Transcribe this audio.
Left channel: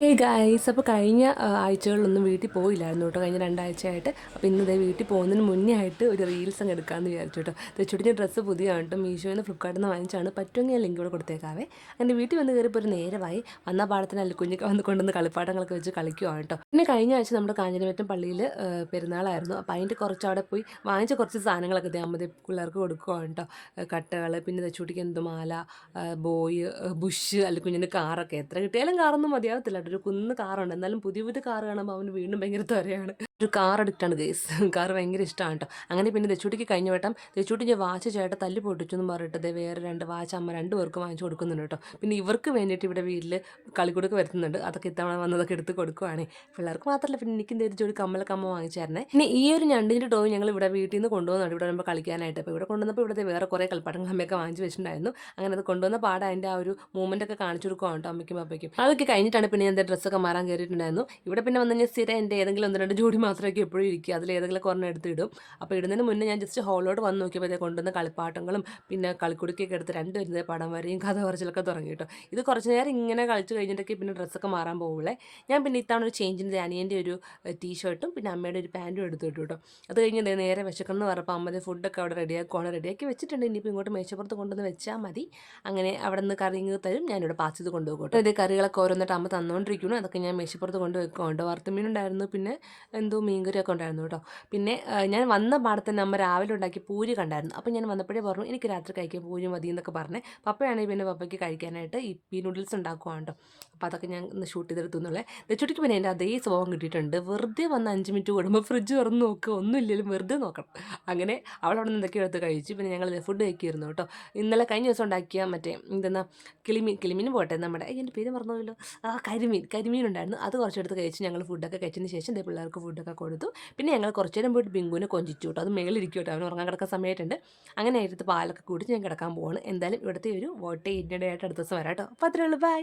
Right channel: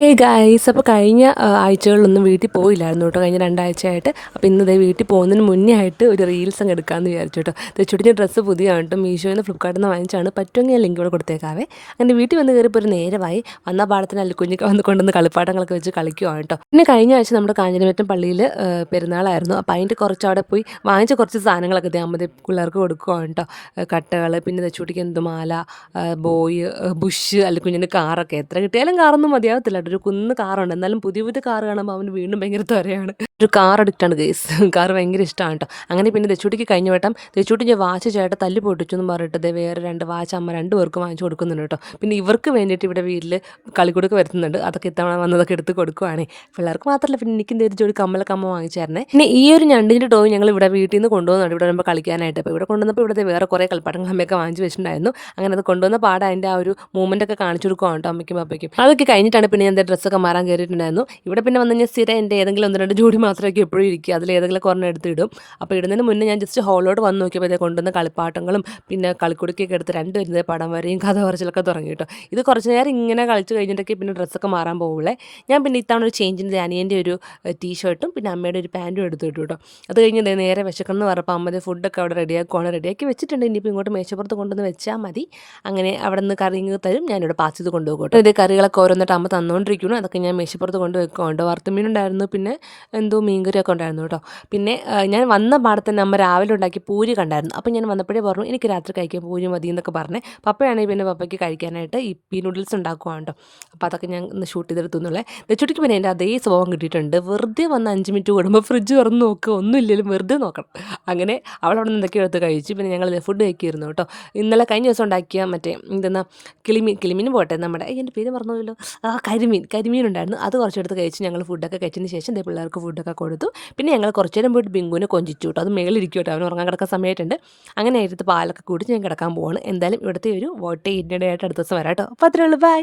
Guys, അപ്പോൾ കഴിഞ്ഞ ആഴ്ചകളിലൊന്നും വീട്ടിൽ പോയില്ലായിരുന്നു കേട്ടോ. കഴിഞ്ഞ 2 ആഴ്ചയായിട്ട്. അപ്പോൾ ഇന്ന് ദേ വീട്ടിൽ പോകുന്നതിന് മുന്നേ ആയിട്ട് ഒരു റീൽസ് അങ്ങ് എടുക്കാമെന്ന് വിചാരിച്ചു കേട്ടോ. തെച്ചുടിൻ്റെ ഡ്രസ്സ് പുതിയതാണ് കേട്ടോ. മീഷോയിൽ നിന്ന് ഫ്ലിപ്കാർട്ടിൽ നിന്ന് വാങ്ങിച്ചാണ്. പറ്റുമെങ്കിൽ ഞാൻ ലിങ്ക് ഇവിടെ കൊടുത്തേക്കാവേ. അങ്ങനെ വീട്ടിൽ വന്ന് കയറിയപ്പോൾ ഒരു നേരമായി. വന്ന പാടത്തിന് അല്ലിക്കുഞ്ഞൊക്കെ വന്ന് കൊണ്ടുവന്ന് കളിപ്പാട്ടങ്ങളൊക്കെ വെച്ച് കളിക്കുവാണ് കേട്ടോ. പിന്നെ കഴിഞ്ഞ ആഴ്ച നമ്മുടെ കാഞ്ഞിരമറ്റം പള്ളിയിൽ പെരുന്നാളായിരുന്നു. അപ്പോൾ അതിൻ്റെ കുറച്ച് അവിടെ പോയി വാങ്ങിച്ച കുറച്ച് സാധനങ്ങളൊക്കെ ദേ പിള്ളേർക്ക് കൊടുക്കുവാണ് കേട്ടോ. കട്ടകൾ, പിന്നെ തെച്ചുടിക്ക് എന്തുമാല, ബോയ്, ബുഷ്, അല്ലിക്കുഞ്ഞിൻ്റെ കാറൊക്കെ. എത്ര കിട്ടിയാലും കാറൊന്നും മതിയാകത്തില്ല. ഒരു കുന്ന് കാറുണ്ട്. എന്നാലും പുതിയ പുതിയ കാറ് കാണുമ്പോൾ അവന് വീണ്ടും ഭയങ്കര ത്വരയാണ്. ഒരു കാർ അഡിക്റ്റാണ് ഗൈസ്. കാർ ഭയങ്കര ഇഷ്ടമാണ് കേട്ടോ. അങ്ങനെ പിന്നെ തെച്ചൂട്ടിക്ക് കഴിഞ്ഞ വട്ടം തെച്ചൂട്ടിൻ്റെ വാച്ച് ചേട്ടൻ തല്ലി പൊട്ടിച്ചു എന്ന് പറഞ്ഞിട്ട് വേറെ 2 വാച്ച് അമ്മ 2 പേർക്ക് വാങ്ങിച്ചു കൊടുക്കുന്നുണ്ട് കേട്ടോ. പിന്നെ ഇവർക്ക് വേണ്ടിയിട്ട് ഇവിടെ വീട്ടിൽ കളിക്കുടുക്ക് വരുത്തുന്നുണ്ട്. അതൊക്കെ ഇത്തവണ വന്നതൊക്കെ എടുത്ത് കൊടുക്കുവാണേ. പിള്ളേർക്ക് മാത്രമല്ല, പിന്നെ എനിക്കും ഒരു ജോഡി കമ്മലൊക്കെ അമ്മ വാങ്ങിച്ചായിരുന്നേ. പിന്നെ ഈ ഒരു ഞണ്ടിൻ്റെ ടോയ് ഞങ്ങൾ ഇവിടെ വീട്ടിൽ നിന്ന് കൊണ്ടുവന്നുണ്ട് ഇവിടെ വരുമ്പോൾ കളിക്കാനായിട്ട്. അപ്പോൾ ഇവിടെ കൊണ്ടുവന്നപ്പോൾ ഇവിടെ വേറെ കുറേ കളിപ്പാട്ടങ്ങൾ അമ്മയൊക്കെ വാങ്ങിച്ച് വെച്ചിട്ടുണ്ടായിരുന്നു. അങ്ങനെ അത് കൊണ്ടുവന്ന പാടെ അതിൻ്റെ ആ ഒരു മൂവ്മെൻ്റ് ഒക്കെ കാണിച്ചു കൊടുക്കുവാണ് കേട്ടോ അമ്മയ്ക്കും പപ്പയ്ക്കും. അതൊക്കെ കഴിഞ്ഞിട്ടാണ് പിന്നെ ഞാൻ ഡ്രസ്സൊക്കെ മാറാൻ കയറിയിട്ടുണ്ടായിരുന്നു. ഇവിടെ പിന്നെ വന്ന് ഞാൻ സ്ഥിരം എൻ്റെ ഏതെങ്കിലും 1-2 ജോഡി മാത്രമൊക്കെ എപ്പോഴും ഇരിക്കുക. അതിൽ ഏതെങ്കിലും കുറഞ്ഞ എടുത്ത് ഇടും. അപ്പോൾ ഇടുന്നതിന് മുന്നേ ഞാൻ ജസ്റ്റ് ഹോളോട് വന്ന് നോക്കിയപ്പോൾ കൊണ്ടുവന്ന കളിപ്പാട്ടങ്ങളും പിന്നെ കളിക്കുടുക്കൊക്കെ എടുത്ത് 2 വരുന്നത് പടം വരെയും കഥ പറച്ചിലൊക്കെ തുടങ്ങി കേട്ടോ. ഇത് കുറച്ച് നേരം ഇങ്ങനെ കളിച്ച് കഴിഞ്ഞിട്ടൊക്കെ പിന്നെ ഡ്രസ്സൊക്കെ മാറാൻ പോകുള്ളേ. ഞാൻ പിന്നെ ഇത്തവണ ഒരു ചേഞ്ചിൻ്റെ അനിയൻ്റെ ഒരു ടീഷർട്ടും പിന്നെ അമ്മയുടെ ഒരു പാൻറ്റും എടുത്ത് ഇട്ടു കേട്ടോ. അത് കഴിഞ്ഞ് നേരെ വിശക്കണം പറഞ്ഞപ്പോൾ അമ്മയുടെ ഫുഡൊക്കെ അവിടെ റെഡിയാക്കി വെച്ചിട്ടുണ്ട്. ഇനിയിപ്പോൾ ഇങ്ങോട്ട് മേശപ്പുറത്ത് കൊണ്ടുവന്ന് വെച്ചാൽ മതി. അങ്ങനെ അവിടെ നിന്ന് കറി തരും. ഞാനിവിടെ പാസ് ചെയ്ത് കൊണ്ടുപോകും കേട്ടോ. ഇത് കറികളൊക്കെ ഓരോന്നിട്ട് അമ്മ തന്നുകൊണ്ടിരിക്കുന്നു. അതൊക്കെ ഞാൻ മേശപ്പുറത്ത് കൊണ്ട് വെക്കുന്നുണ്ട്. വറുത്തുമീനുണ്ടായിരുന്നു, പിന്നെ എന്തോ മീൻകറിയൊക്കെ ഉണ്ടായിരുന്നു കേട്ടോ. പിന്നെ ഞാൻ വന്ന പാടത്തന്നെ അമ്മ രാവിലെ ഉണ്ടാക്കി പൂരി കണ്ടായിരുന്നു. അപ്പോൾ ഞാൻ വന്നപ്പോഴേ പറഞ്ഞു എനിക്ക് രാത്രി കഴിക്കാൻ പൂരി മതി എന്നൊക്കെ പറഞ്ഞേ. പപ്പയാണെങ്കിൽ പിന്നെ പപ്പയ്ക്ക് കഴിക്കാനായിട്ട് ഇപ്പി നൂഡിൽസ് ഉണ്ടാക്കുവാണ് കേട്ടോ. അപ്പോൾ അതൊക്കെ ഞാൻ ഒന്ന് ഷൂട്ട് ചെയ്തെടുത്തുന്നുള്ളേ. തെച്ചുട്ടിക്ക് പിന്നെ എൻ്റെ അതേ സ്വഭാവം കിട്ടിയിട്ടുണ്ട്. വെറുതെ വന്ന് 5 മിനിറ്റ് കൂടുമ്പോൾ ഫ്രിഡ്ജ് തുറന്ന് നോക്കുക, ഒന്നും ഇല്ലെങ്കിലും വെറുതെ നോക്കണം. അങ്ങനെ അവളവിടെ നിന്ന് എന്തൊക്കെയോ എടുത്ത് കഴിച്ചു. പിന്നെ ഞങ്ങൾ ഫുഡ് കഴിക്കുമായിരുന്നു കേട്ടോ. ഇന്നലെ കഴിഞ്ഞ ദിവസം ഉണ്ടാക്കിയ മറ്റേ എന്തെന്നാ കിളിമീൻ പോട്ടെ, നമ്മുടെ എൻ്റെ പേര് മറന്നുപോയല്ലോ, കരിമീൻ ഉണ്ടായിരുന്നു. അത് കുറച്ചെടുത്ത് കഴിച്ച് ഞങ്ങൾ ഫുഡൊക്കെ കഴിച്ചതിന് ശേഷം പിള്ളേർക്ക് ഫുഡൊക്കെ കൊടുത്തു. പിന്നെ ഞങ്ങൾ കുറച്ച് നേരം പോയിട്ട് ബിങ്കുവിനെ കൊഞ്ചിച്ചു കേട്ടോ. അത് മേളിലിരിക്കും കേട്ടോ, അവന് ഉറങ്ങാൻ കിടക്കാൻ സമയമായിട്ടുണ്ട്. അങ്ങനെ ആയിട്ട് പാലൊക്കെ കൂടി ഞാൻ കിടക്കാൻ പോവാണ്. എന്തായാലും ഇവിടുത്തെ ഒരു വോട്ട് ഇന്ത്യയുടെ ആയിട്ട് അടുത്ത ദിവസം വരാം കേട്ടോ. അപ്പോൾ അത്രേ ഉള്ളൂ, ബൈ.